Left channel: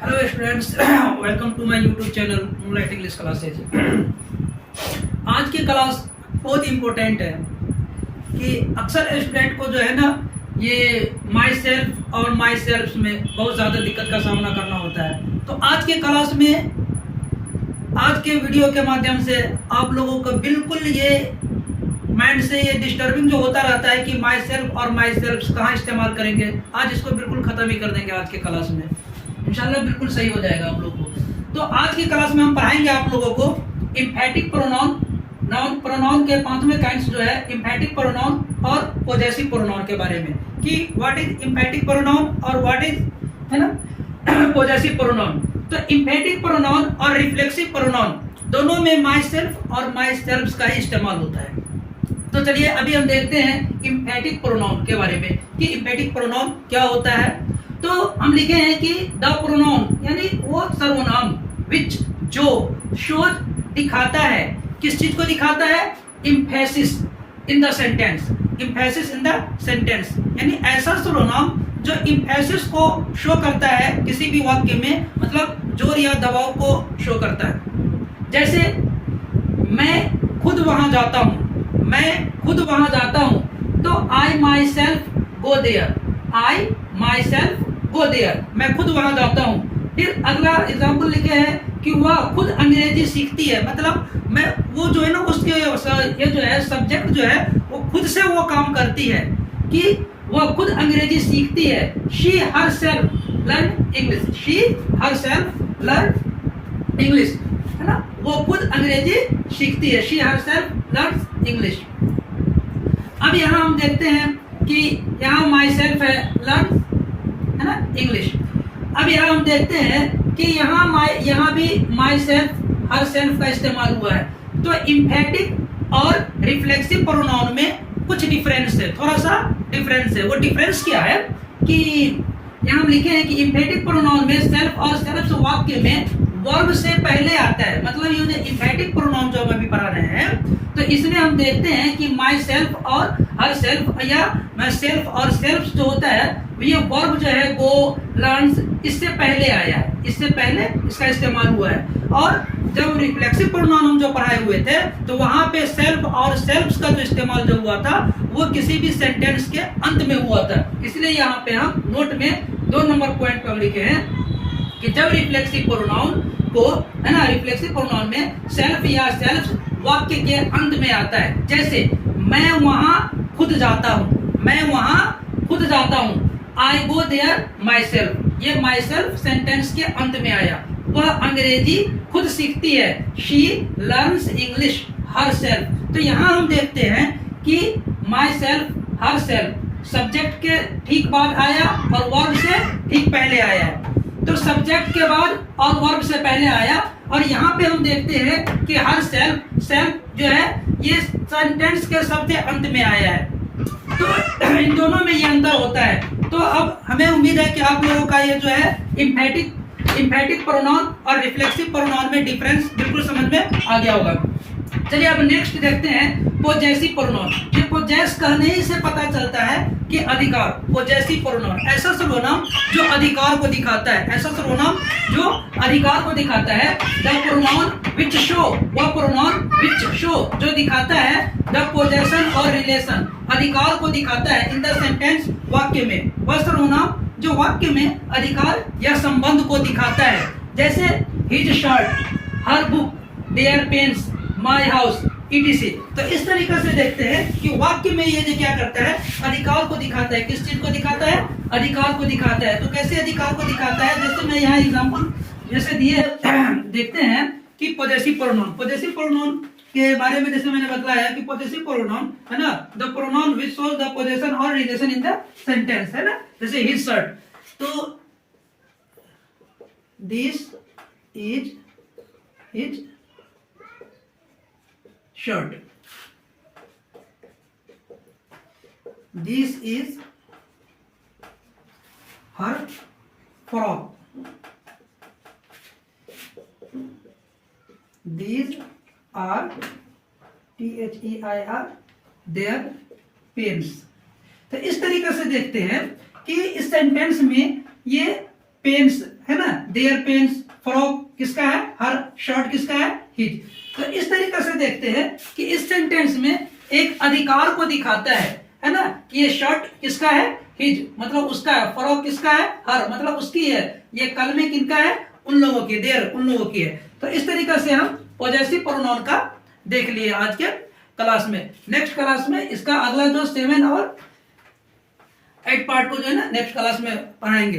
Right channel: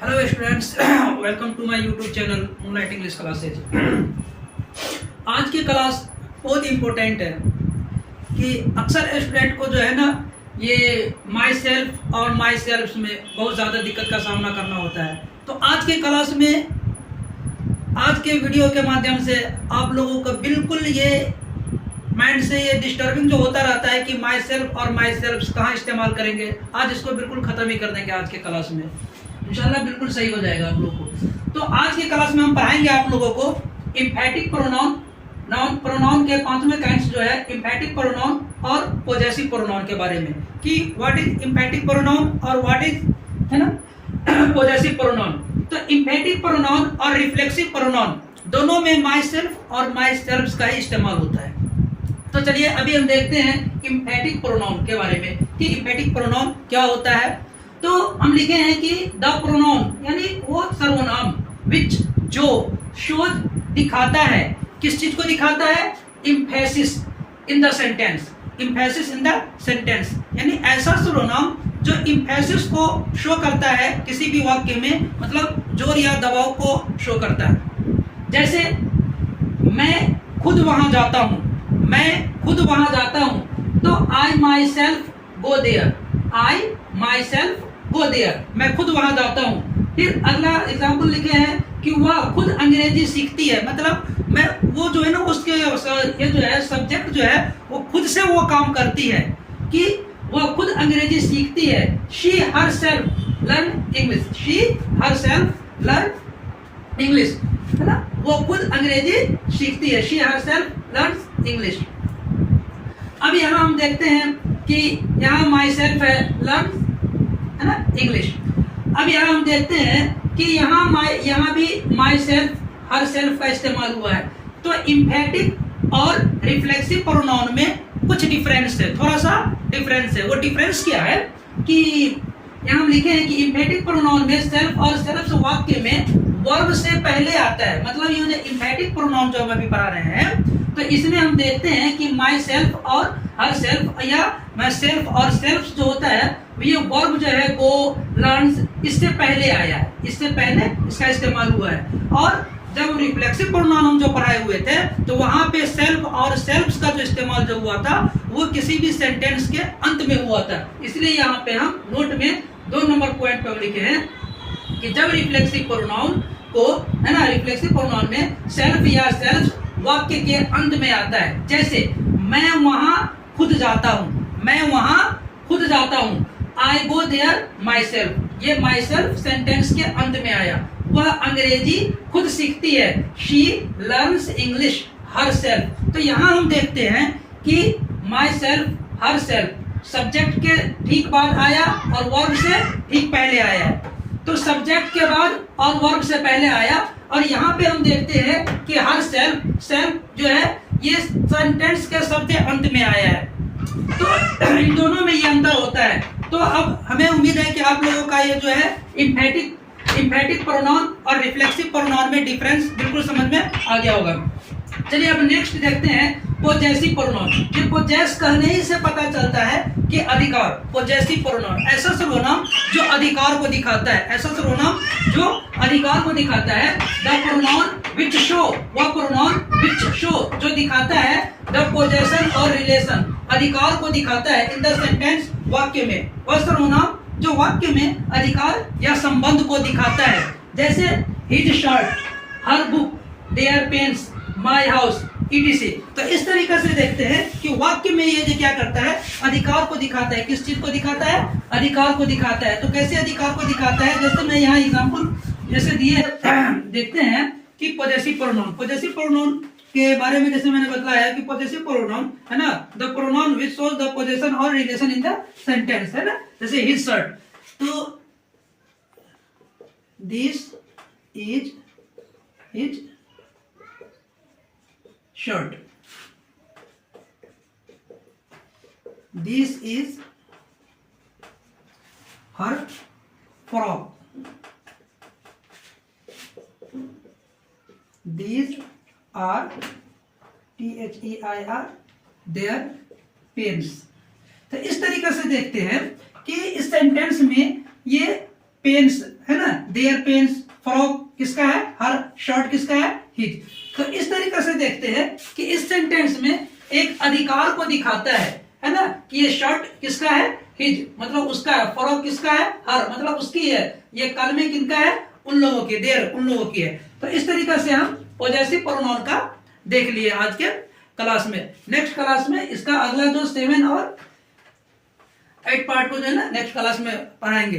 Hello students, welcome to my YouTube channel Moonlight English classes. आज की class बहुत important है कि अक्सर स्टूडेंट को जो है ना ये माई सेल्फ और माई सेल्फ में बहुत ज़्यादा दिक्कत का सामना करना होता है। तो आज के क्लास में, आज के वीडियो के माध्यम से आप लोगों को बिल्कुल ये माइंड से ये डिस्टर्बिंग जो होता रहता है कि माई सेल्फ और माई सेल्फ कहाँ इस्तेमाल करेंगे, आज इसको बिल्कुल ख़त्म ही कर देंगे। आज के क्लास में इंशाल्लाह बिल्कुल सही हो जाएगा आप लोग को। तो आज की क्लास में हम पढ़ाएंगे आप लोगों को इम्फेटिक प्रोनाउन, नाउन प्रोनाउन के 5वें काइंड्स जो है इम्फेटिक प्रोनाउन और पॉजेसिव प्रोनाउन के बारे में कि व्हाट इज इम्फेटिक प्रोनाउन और व्हाट इज है ना पॉजेसिव प्रोनाउन। तो इम्फेटिक प्रोनाउन और रिफ्लेक्सिव प्रोनाउन दोनों में माई सेल्फ और माई सेल्फ का ही इस्तेमाल होता है। तो चलिए अभी हम देखते हैं इम्फेटिक प्रोनाउन के बारे में कि इम्फेटिक प्रोनाउन क्या होता है। तो हम लिखे हैं कि द प्रोनाउन यानी वो सर्वनाम विच जो शोज दिखाता है, किस चीज को दिखाता है? Emphasis in the sentence, emphasis in the sentence यानी ऐसा सर्वनाम जो इम्फेसिस को शो करता है किसी भी वाक्य में, मतलब जोर या दबाव को शो करता है। जैसे मैं खुद वहां जाता हूं, मैं खुद वहां जाता हूं, तो I myself go there, I myself go there, मैं खुद वहां जाता हूं। फिर अगला एग्जाम्पल लिखे हैं कि वह खुद अंग्रेजी सीखती है, मतलब मैं वो जो है ना उसके ये जो है सब्जेक्ट जो है वो खुद से वो काम करती है कि वह खुद अंग्रेजी सीखती है। She her self learn English, she her self learn English, है ना, वो खुद अंग्रेजी सीखती है। She her self learn English. अब यहाँ हम देखते हैं कि यहाँ माई सेल्फ है लर्न, है ना, इंग्लिश। अब यहाँ हम देखते हैं कि यहाँ भी माई सेल्फ हर सेल्फ का इस्तेमाल हुआ है। तो इम्फेटिक और रिफ्लेक्सिव प्रोनाउन में कुछ डिफरेंस है, थोड़ा सा डिफरेंस है। वो डिफरेंस क्या है कि यहाँ हम लिखे हैं कि इम्फेटिक प्रोनाउन में सेल्फ और सेल्फ वाक्य में वर्ब से पहले आता है, मतलब ये इम्फेटिक प्रोनाउन जो हम अभी पढ़ा रहे हैं तो इसमें हम देखते हैं कि माई सेल्फ और हर सेल्फ या माई सेल्फ और सेल्फ जो होता है ये वर्ब जो है गो लर्न्स इससे पहले आया है, इससे पहले इसका इस्तेमाल हुआ है। और जब रिफ्लेक्सिव प्रोनाउन हम जो पढ़ाए हुए थे तो वहां पे सेल्फ और सेल्फ का जो इस्तेमाल जो हुआ था वो किसी भी सेंटेंस के अंत में हुआ था। इसलिए यहाँ पे हम नोट में 2 नंबर पॉइंट पर लिखे हैं कि जब रिफ्लेक्सिव प्रोनाउन को, है ना, रिफ्लेक्सिव प्रोनाउन में सेल्फ या सेल्फ वाक्य के अंत में आता है। जैसे मैं वहां खुद जाता हूँ, मैं वहां खुद जाता हूँ, आई गो देयर माई सेल्फ, ये माई सेल्फ सेंटेंस के अंत में आया। वह अंग्रेजी खुद सीखती है, she learns English her self. तो यहाँ हम देखते हैं कि my self her self subject के ठीक बाद आया और वर्ब से ठीक पहले आया है। तो सब्जेक्ट के बाद और वर्ब से पहले आया। और यहाँ पे हम देखते हैं कि हर सेल्फ, सेल्फ जो है ये सेंटेंस के सबसे अंत में आया है। तो इन दोनों में ये अंतर होता है। तो अब हमें उम्मीद है कि आप लोगों का ये जो है इम्फेटिक प्रोनाउन और रिफ्लेक्सिव प्रोनाउन में डिफरेंस बिल्कुल समझ में आ गया होगा। चलिए अब नेक्स्ट देखते हैं पॉजेसिव प्रोनाउन। ये पॉजेस कहने ही से पता चलता है कि अधिकार, पॉजेसिव प्रोनाउन ऐसा सर्वनाम जो अधिकार को दिखाता है, ऐसा सर्वनाम जो अधिकार को दिखाता है। द प्रोनाउन विच शो, वह प्रोनाउन विच शो जो दिखाता है द पोजेशन और रिलेशन, अधिकार को दिखाता है इन द सेंटेंस वाक्य में, वह सर्वनाम जो वाक्य में अधिकार या संबंध को दिखाता है। जैसे his shirt, her book, their pens, my house, etc। तो इस तरीके से देखते हैं कि वाक्य में ये जो क्या करता है, अधिकार को दिखाता है। किस चीज को दिखाता है? अधिकार को दिखाता है। तो कैसे अधिकार को दिखाता है? जैसे मैं यहाँ एग्जांपल जैसे दिए देखते हैं कि पॉजेसिव प्रोनाउन, पॉजेसिव प्रोनाउन के बारे में जैसे मैंने बताया कि पॉजेसिव प्रोनाउन है ना, the pronoun which shows the possession और रिलेशन इन द सेंटेंस, है ना। जैसे हिज शर्ट, तो this is his shirt, this is her frock, these are their their pens। तो इस तरीके से देखते हैं कि इस सेंटेंस में ये पेन्स है ना, देयर पेंस, फ्रॉक किसका है? हर, शर्ट किसका है? हिज। तो इस तरीके से देखते हैं कि इस सेंटेंस में एक अधिकार को दिखाता है ना, कि ये शर्ट किसका है? हिज, मतलब उसका है। फ्रॉक किसका है? हर, मतलब उसकी है। ये कलमे किनका है? उन लोगों की, देयर उन लोगों की है। तो इस तरीके से हम पॉजेसिव प्रोनाउन का देख लिए आज के क्लास में। नेक्स्ट क्लास में इसका अगला जो 7 और 8 पार्ट को जो है ना नेक्स्ट क्लास में पढ़ाएंगे।